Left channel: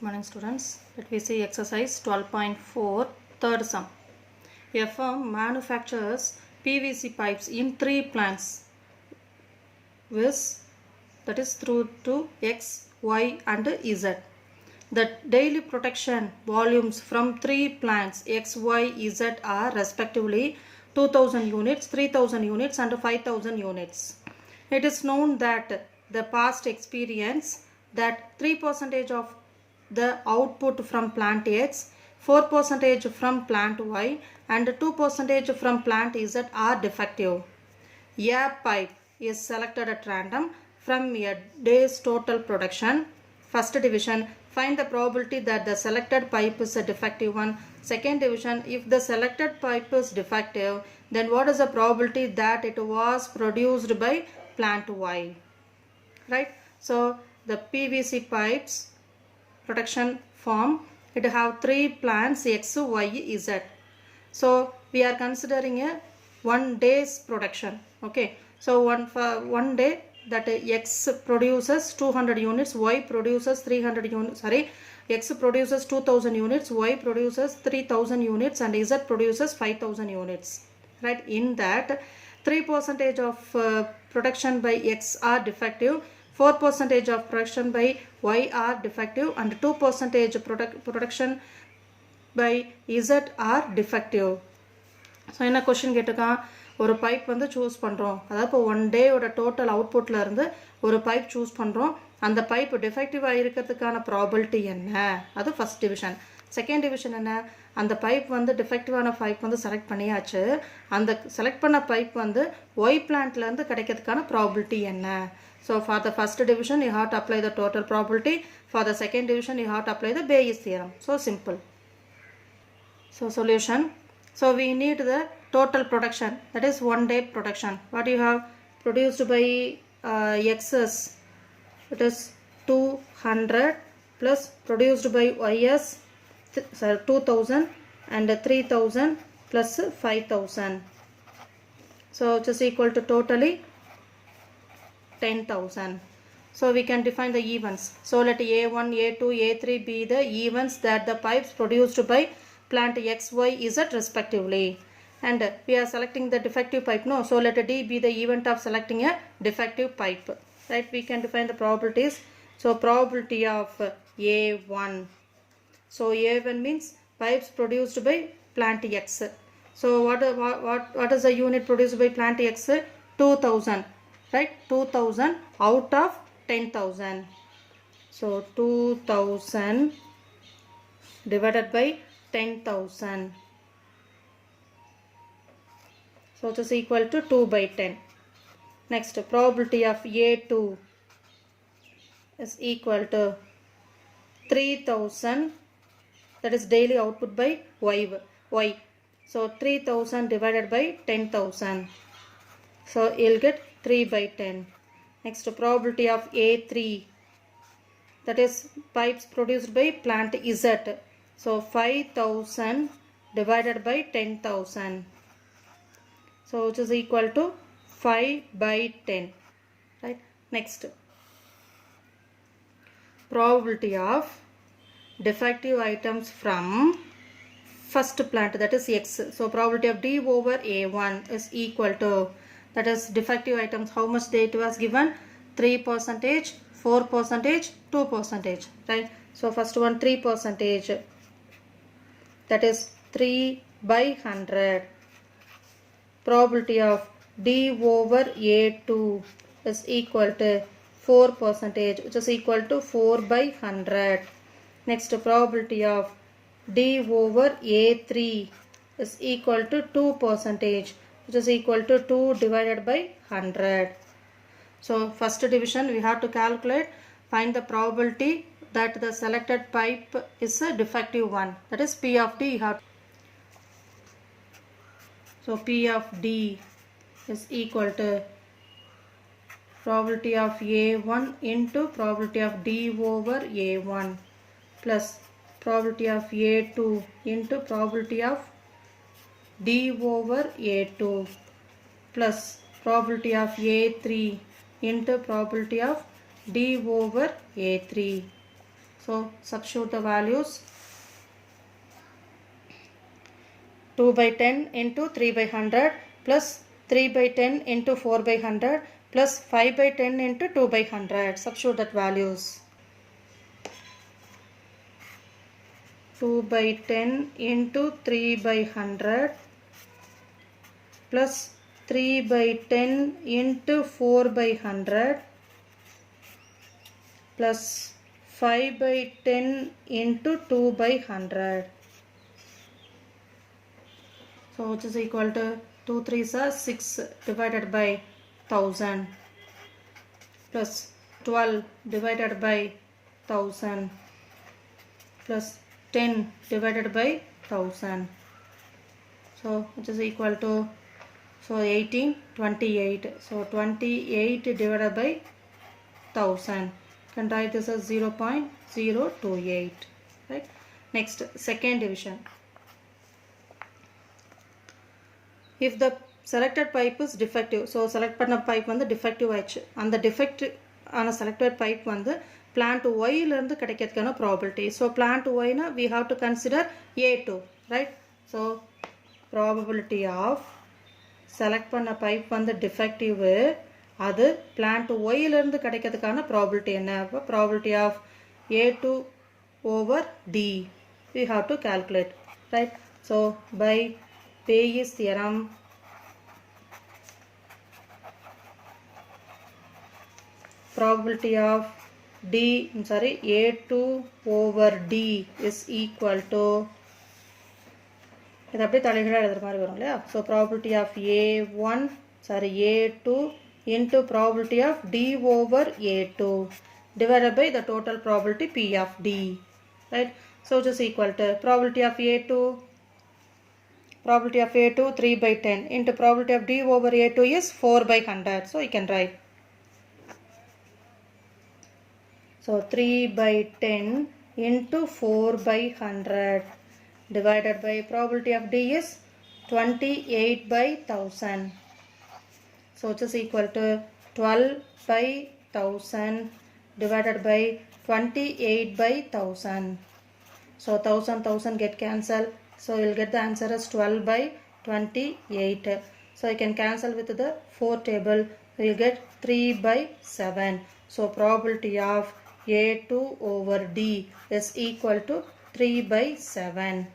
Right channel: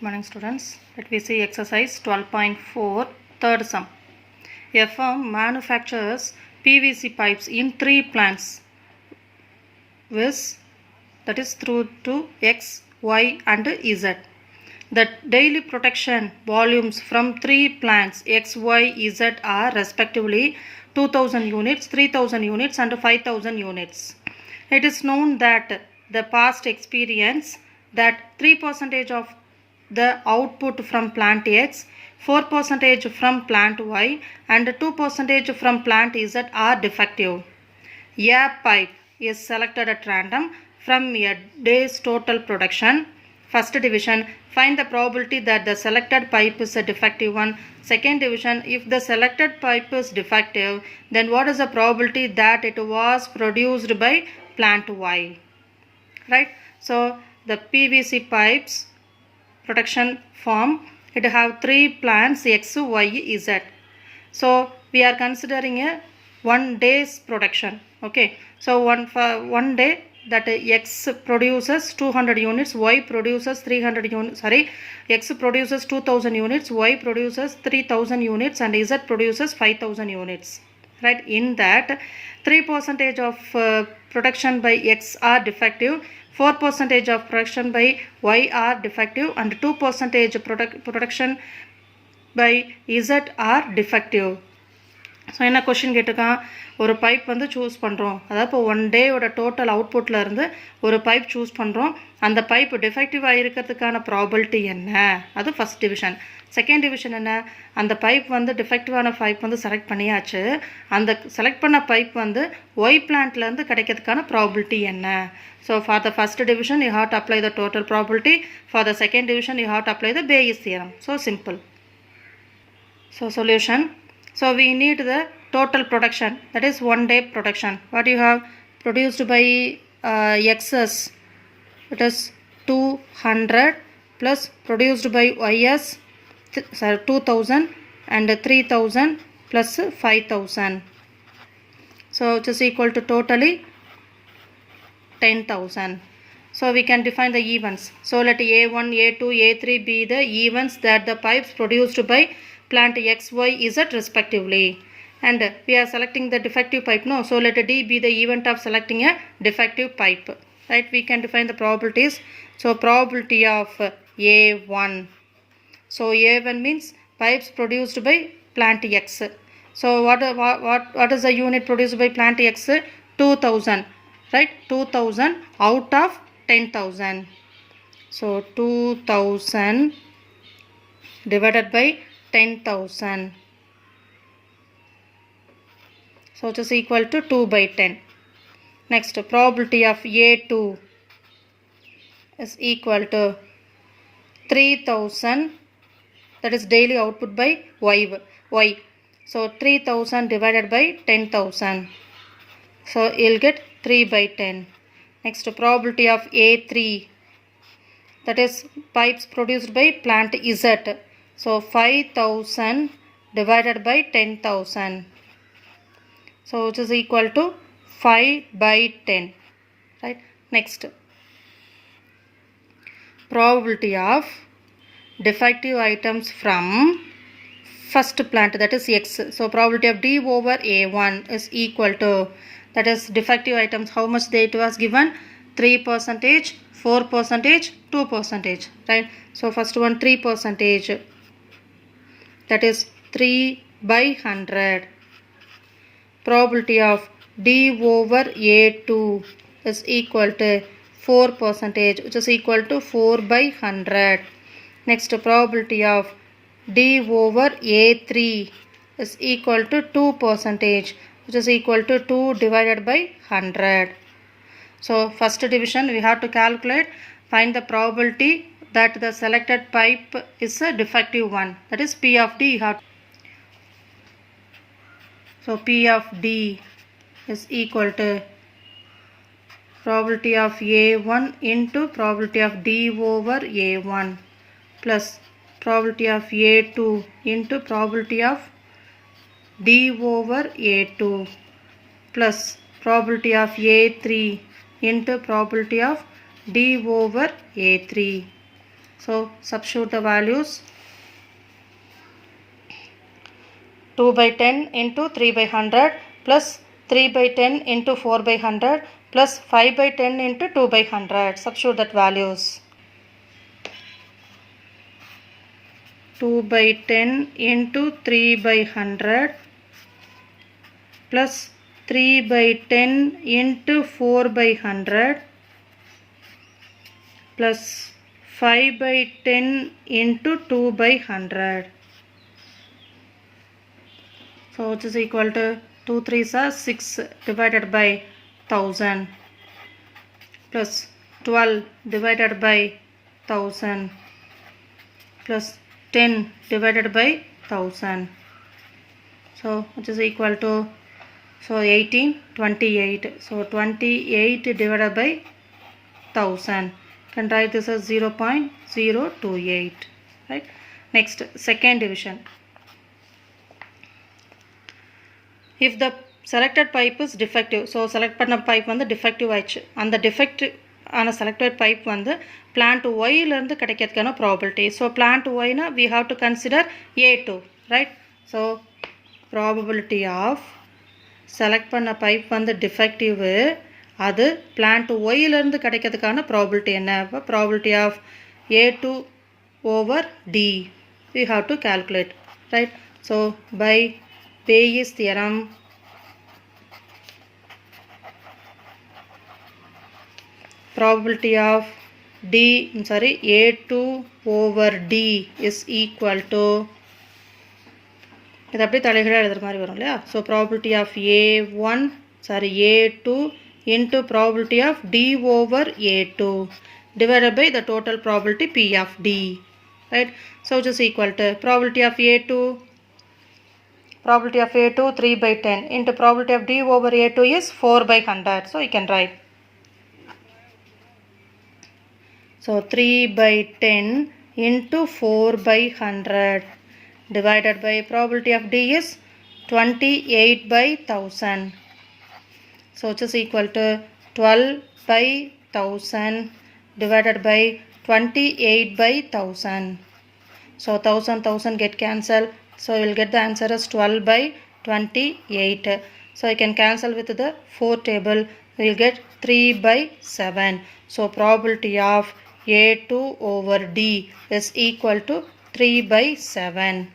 Good morning students. Let me see exercise 12.4 third sum. A firm manufactures PVC pipes in 3 plants with that is through to X, Y and Z. The daily production volumes from 3 plants X, Y, Z are respectively 2000 units, 3000 units and 5000 units. It is known that the past experience that 3% of the output from plant X, 4% from plant Y and 2% from plant Z are defective. A pipe is selected at random from a day's total production. First division, find the probability that the selected pipe is a defective one. Second division, if the selected pipe is defective, then what is the probability that it was produced by plant Y? Right? So the PVC pipes production form, it have 3 plants X, Y, Z. So we are considering a 1 day's production. Okay, so one day that X produces 200 units, Y produces 300 units, X produces 2000 units, Y produces 3000 units and Z produces 5000 units. Right, in that 3% of production by X are defective, 4% of production by Y are defective and 2% production by Z are defective. So என்ன question கேட்டிருக்கான், ஒரு pipe வந்து choose பண்ணுறோம், அதாவது இப்போ 1 டேயோட total அவுட்புட்டில் இருந்து ஒரு பைப் சூஸ் பண்ணுறோம், அந்த பைப் டிஃபெக்டிவாக இருக்கிறதுக்கான ப்ராபபிலிட்டி என்ன, அது ஃபஸ்ட் டிவிஷன். செகண்ட் டிவிஷன் என்ன, அந்த பைப் வந்து டிஃபெக்டிவான பைப் வந்து செலக்ட் பண்ணியாச்சு, அந்த செலக்ட் பண்ண பைப் வந்து ஒய் பிளான்ட்லேருந்து கிடைக்கிறதுக்கான ப்ராபபிலிட்டி என்ன. So for the first division you have to apply the total probability, for the second division you have to apply the Bayes theorem. So simple. So solution. So we need the total production, that is 1 day production. What you have produced by Xs, it is 200 plus produced by Ys 2000 and 3000 plus 5000. So it is equal to totally 10,000. So we can define the events. So let A1, A2, A3 be the events that the pipes produced by plant X, Y, Z respectively. And we are selecting the defective pipe, no? So let D be the event of selecting a defective pipe. Right? We can define the probabilities. So probability of A1. So A1 means pipes produced by plant X. So what is the unit produced by plant X? 2000. Right? 2000 out of 10,000. So 2000 divided by 10,000. So it is equal to 2 by 10. Next, probability of A2 is equal to 3000, that is daily output by Y. So 3000 divided by 10,000. So you'll get 3 by 10. Next, probability of A3, that is pipes produced by plant Z. So 5000 divided by 10,000. So it is equal to 5 by 10. Right. Next, probability of defective items from first plant, that is X. So probability of D over A1 is equal to, that is defective items, how much it was given, 3%, 4%, 2%. Right. So first one 3%. That is 3 by 100. Probability of D over A2 is equal to 4%, which is equal to 4 by 100. Next, probability of D over A3 is equal to 2%, which is equal to 2 divided by 100. So first division we have to calculate, find the probability that the selected pipe is a defective one, that is P of D. So P of D is equal to probability of A1 into probability of D over A1 plus probability of A2 into probability of D over A2 plus probability of A3 into probability of D over A3. So substitute the values. 2 by 10 into 3 by 100 plus 3 by 10 into 4 by 100 plus 5 by 10 into 2 by 100. Substitute that values. 2 by 10 into 3 by 100 plus 3 by 10 into 4 by 100 plus 5 by 10 into 2 by 100. So which is equal to 2 3s are 6 divided by 1000 plus 12 divided by 1000 plus 10 divided by 1000. So which is equal to 1828. So 28 divided by 1000. Can write this as 0.028. Right. Next, second division. If the selected pipe is defective, so select பண்ண pipe வந்து defective ஆயிடுச்சு. அந்த defect ஆன selected pipe வந்து plant Y இருந்து கிடைக்கிறதுக்கான probability. So plant Y na we have to consider A2, right? So probability of select பண்ண pipe வந்து defective, அது plant Y இருந்து கிடைக்கிறதுக்கான probability என்ன? Probability of A2 over D we have to calculate, right? So by Bayes theorem, probability of A2 over D is equal to, இது அப்படியே தலைகீழா எழுதுற மாதிரி வரும் இல்லையா? So probability of A2 into probability of D over A2 divided by the total probability P of D, right? So which is equal to probability of A2 3 by 10 into probability of D over A2 is 4 by 100. So you can write. So 3 by 10 into 4 by 100 divided by probability of D is 28 by 1000. So which is equal to 12 by 1000 divided by 28 by 1000. So 1000 get cancelled. So you will get the answer as 12 by 28. So you can cancel with the 4 table. We will get 3 by 7. So probability of A2 over D is equal to 3 by 7.